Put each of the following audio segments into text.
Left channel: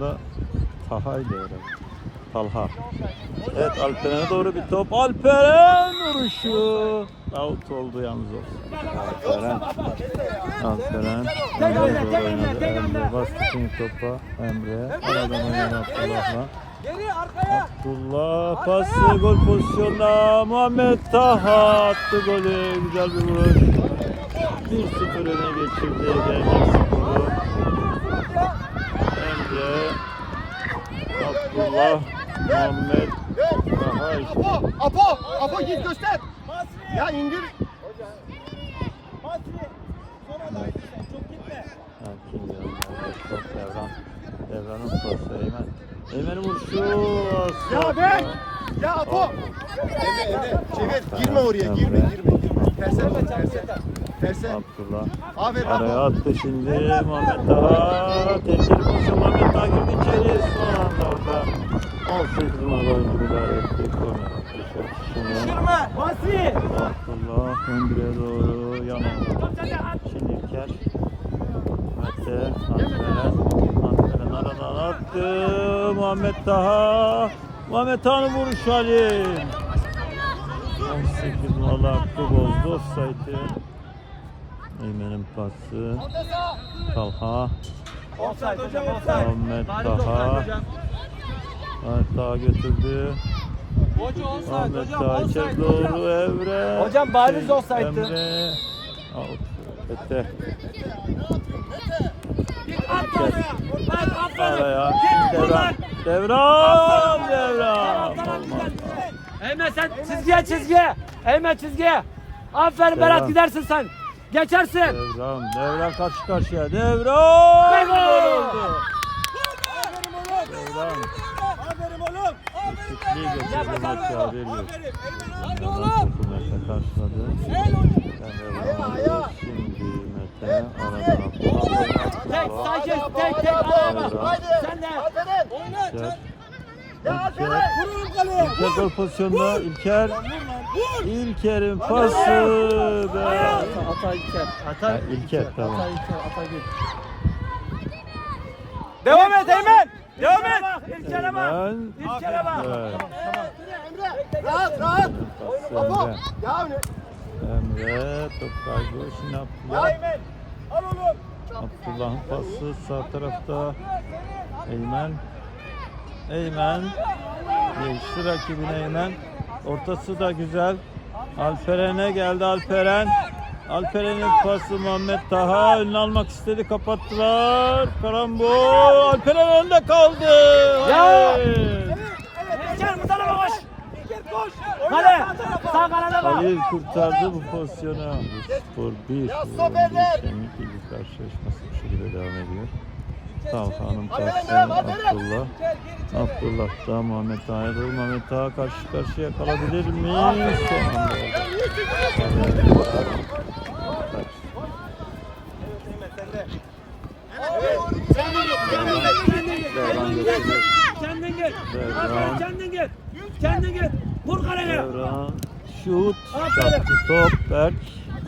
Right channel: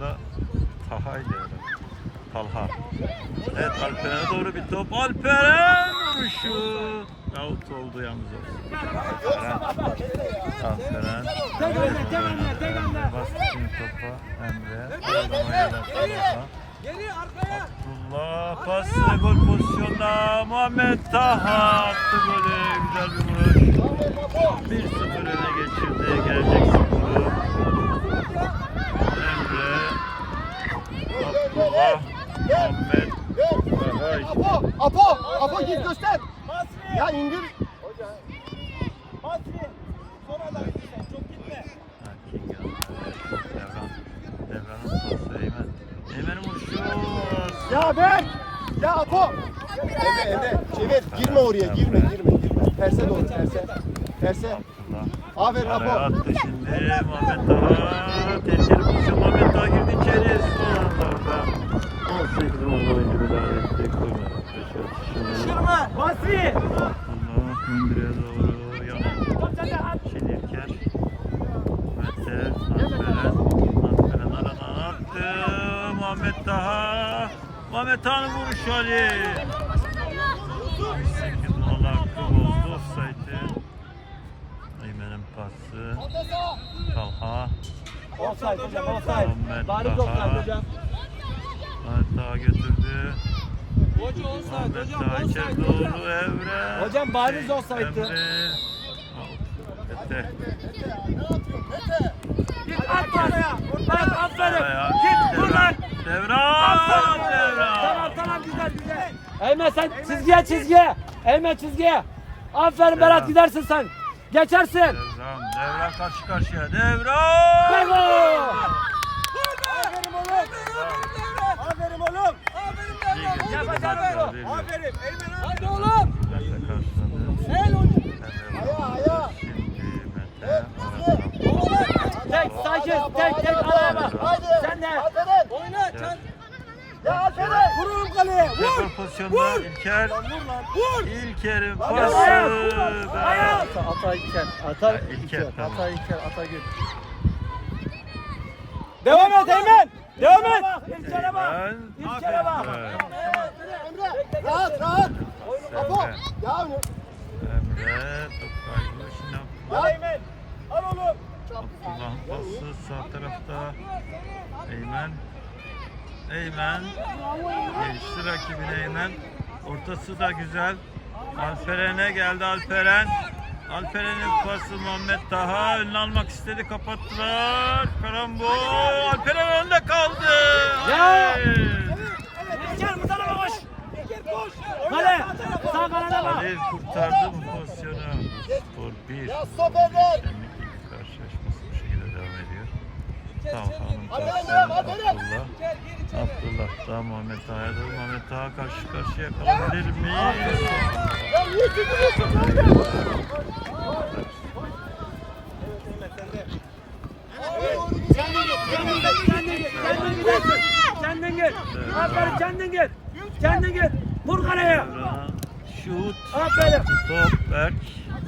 Da Taha'ydı herhalde. Talha. Evet Alperen'e doğru bir top. Alperen vuruşu. Out oldu yalnız olsun. Alperen. Alperen. Tek hamle, tek hamle, tek hamle. Bastı şimdi topa Emre'ye. Oynadı Abdullah'a. Abdullah pası gol pozisyonuna Muhammed Taha attı golü. Güzel bir vuruş. 1-0 öne geçirdi. Gelecek skoru. Emre Abdullah Muhammed Taha işte. Apo, Apo, Apo git göster. Ya indir. King yanında. Ya ben. Ya Apo. Çevir, girme oraya, girme, girme. Terse doğru, terse. Terse. Abdullah. Aferin Araya Apo. attı şimdi Muhammed Taha. Tehlikeli pozisyon Muhammed Taha girdi içeri. Son anda orada. 18 numaralı oyuncu müdahale etti. Korner. Şırma, Basri. Abdullah Öndüre'ye doğru yana. Şinirker. Mete. Alperen. Alperen aradan Taha. Muhammed Taha'nın vuruşu Halil. 18 numaralı hakkı bozdu. Offside'ı. Eymen'in pası. Talha. Muhammed Bariz Taha. Muhammed Taha götürdü. Muhammed hocam Taha içeri doğru Evre. Hocam bariz Şey, offside'tı. Emre. Out. Ete. Araya. Devran. Devran. Devran. Eymen sen çizgiye çizgiye. Eymen çizgiye. Aferin Devran. Berat gidersin sen. Geçersin. Devran. Devran karşı karşıya. Devran. Bravo. Devran. Eksikliği getirdi maçı haber yok. Topu Mete karşıladı. Vurdu. Şimdi Mete aradan Tek sakin tek tek al. Haydi. Sen de. Alperen. İlker. Ya Alperen. İlker gol pozisyonunda İlker. İlker'in pası be. Ha, İlker tamam. Devam et Eymen. Devam et. İlkere bak. Eymen. İlkere bak. Evet. Emre, rahat, rahat. Apo. Emre. Ya ne? Emre top kaybı. Şimdi Abdullah. Abdullah'ın pası sağ tarafta. Eymen. Eymen. Geçti rakibine Eymen. Ortası da güzel. Alperen'e geldi Alperen. Alperen'in pası Muhammed Taha önüne almak istedi kapattılar. Karambol. Alperen önde kaldı. Ya! Evet. İlker bu tarafa koş. Kale. Sağ kanada bak. Halil kurtardı bu pozisyonu. Bu skor 1. Şenlik ilgi karşılaşması bu şekilde devam ediyor. Talhan'ın pası Abdullah. Abdullah da Muhammed Taha'ya doğru. Muhammed Taha karşı karşıya kalabilir mi? Devran götürüyor. Kendin git. Devran. Kendin git. Kendin git. Vur kaleye. Devran. Şut. Çarptı top. Berk.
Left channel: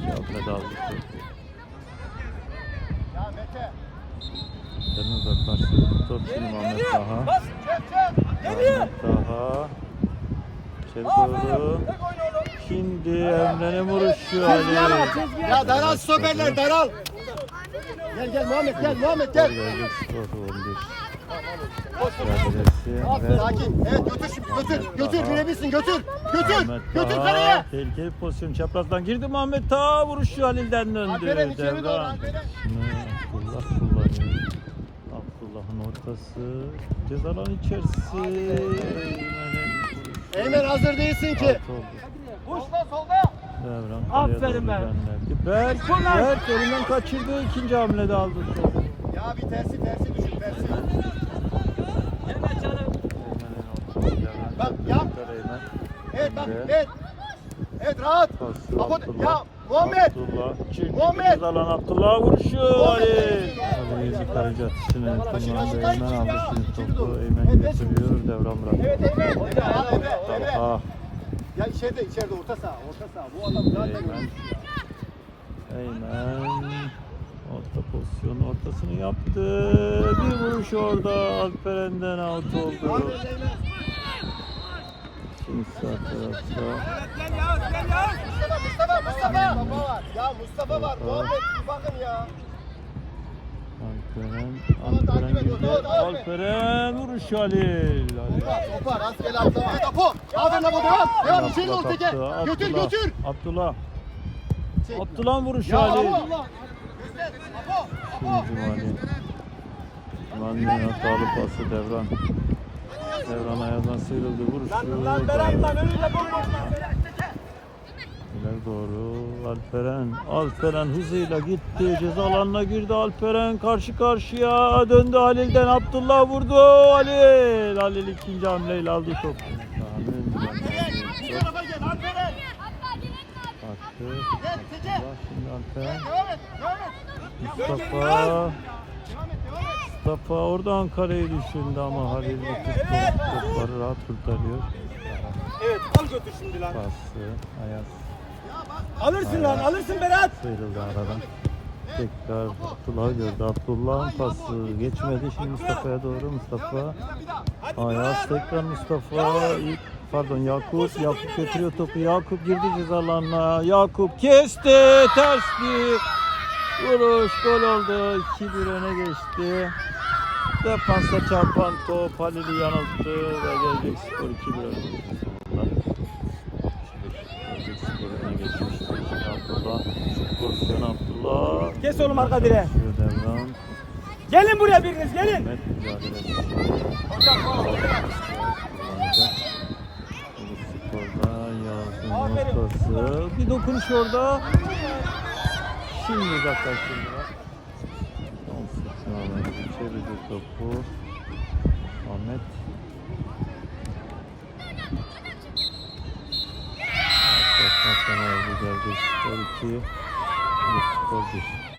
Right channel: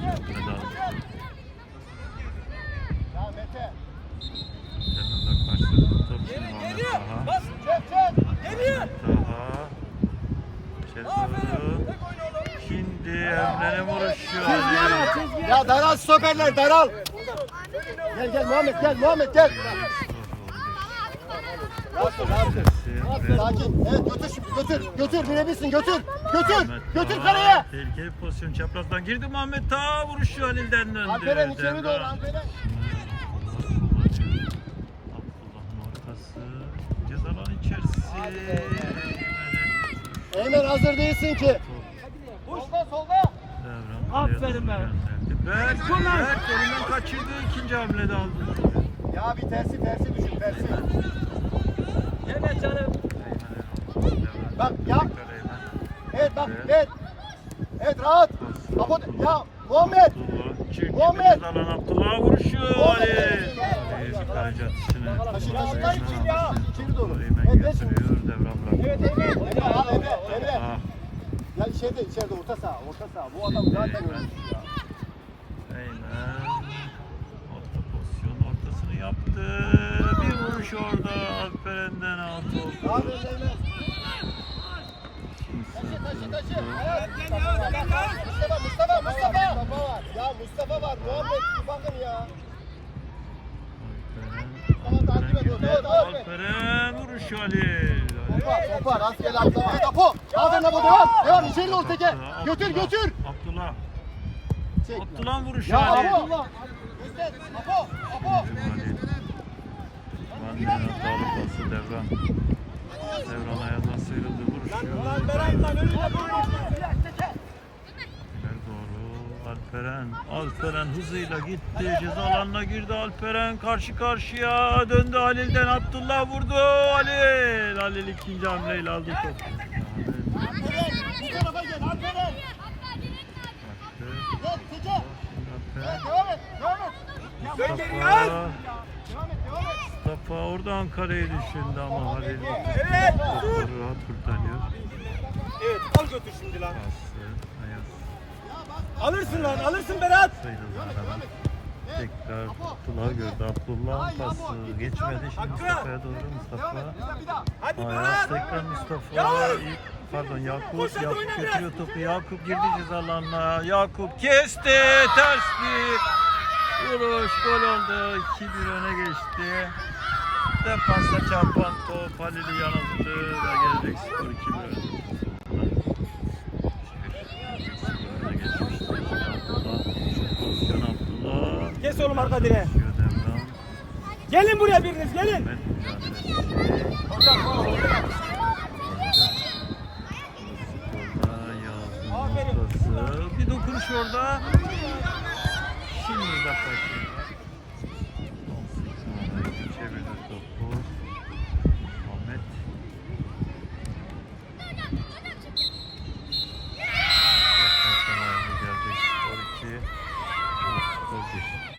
Yapmadı aldı. Sen uzaklaştırdı top şimdi Muhammed Taha. Muhammed Taha. Doğru. Şimdi Emre'nin vuruşu Ali. Ya daral stoperler, daral. Gel gel Muhammed gel Muhammed gel. Gelecek skor 11. Koş koş. Mücadelesi Rahat, ve Sakin. Evet götür götür. Götür bilebilirsin götür. Götür. Götür kaleye. Tehlikeli pozisyon çaprazdan girdi Muhammed Taha vuruşu Halil'den döndü. Alperen içeri doğru. Alperen. Şimdi Abdullah kullanıyor. Abdullah'ın ortası. Ceza alanı içerisi. Eymen hazır değilsin ki. Uçta solda. Devran Aferin be. Berk. Berk elinden kaçırdı. ikinci hamlede aldı. Ya bir tersi tersi düşün tersi. Evet canım. Bak, yap. Evet bak evet. Evet rahat. Abdullah. ya Muhammed. Abdullah. Çünkü Muhammed. alan Abdullah vuruşu. Muhammed. Ali. Yukarıcı atışını kullandı. Eymen aldı şimdi topu. Eymen götürüyor. Devran. Emre. Ah. Ya içeride içeride orta saha orta saha. Bu adam zaten ölmüş ya. Eymen. Orta pozisyon ortasını yaptı. Bir vuruş orada Alperen'den out oldu. Şimdi sağ tarafta. Gel gel. Mustafa Mustafa Mustafa. Ya Mustafa var. Muhammed bakın ya. Alperen, Alperen girdi. Alperen vuruş Halil. Halil. Topar topar rastgele atlama. Apo. Aferin Apo devam. Devam içeri ol teke. Abdullah, Götür Abdullah, götür. Abdullah. Çek. Abdullah vuruş Ya Halil. Şimdi Cumali. Cumali'nin hatalı pası Devran. Devran ayağından sıyrıldı. Vuruş. Lan lan Berat lan önüne bomboş lan. İleri doğru Alperen. Alperen hızıyla gitti. Ceza alanına girdi Alperen. Karşı karşıya döndü Halil'den. Abdullah vurdu. Halil. Halil ikinci hamleyle aldı topu. Mustafa. Mustafa oradan kareyi düşündü ama Halil. Topları rahat kurtarıyor. Evet al götür şimdi lan. Pası. Ayaz. Alırsın lan alırsın Berat. Sıyrıldı aradan. Tekrar Abdullah gördü. Abdullah'ın pası geçmedi. Şimdi Mustafa'ya doğru Mustafa. Ayaz tekrar Mustafa. İlk, pardon Yakup. Yakup götürüyor topu. Yakup girdi ceza alanına. Yakup kesti. Ters bir vuruş. Gol oldu. 2-1 öne geçti. Defansa çarpan top Halil'i yanılttı ve gelecek skor 2-1 öne. Gelecek skor öne geçmişti. Abdullah. Pozisyon Abdullah. Kes oğlum arka direğe. Gelin buraya biriniz gelin. Bir dokunuş orada. Şimdi uzaklaştırdı. Çevirdi topu. Ahmet. Baştan sona geldi. Skor 2. Skor 1.